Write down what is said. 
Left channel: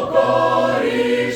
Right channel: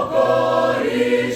socorre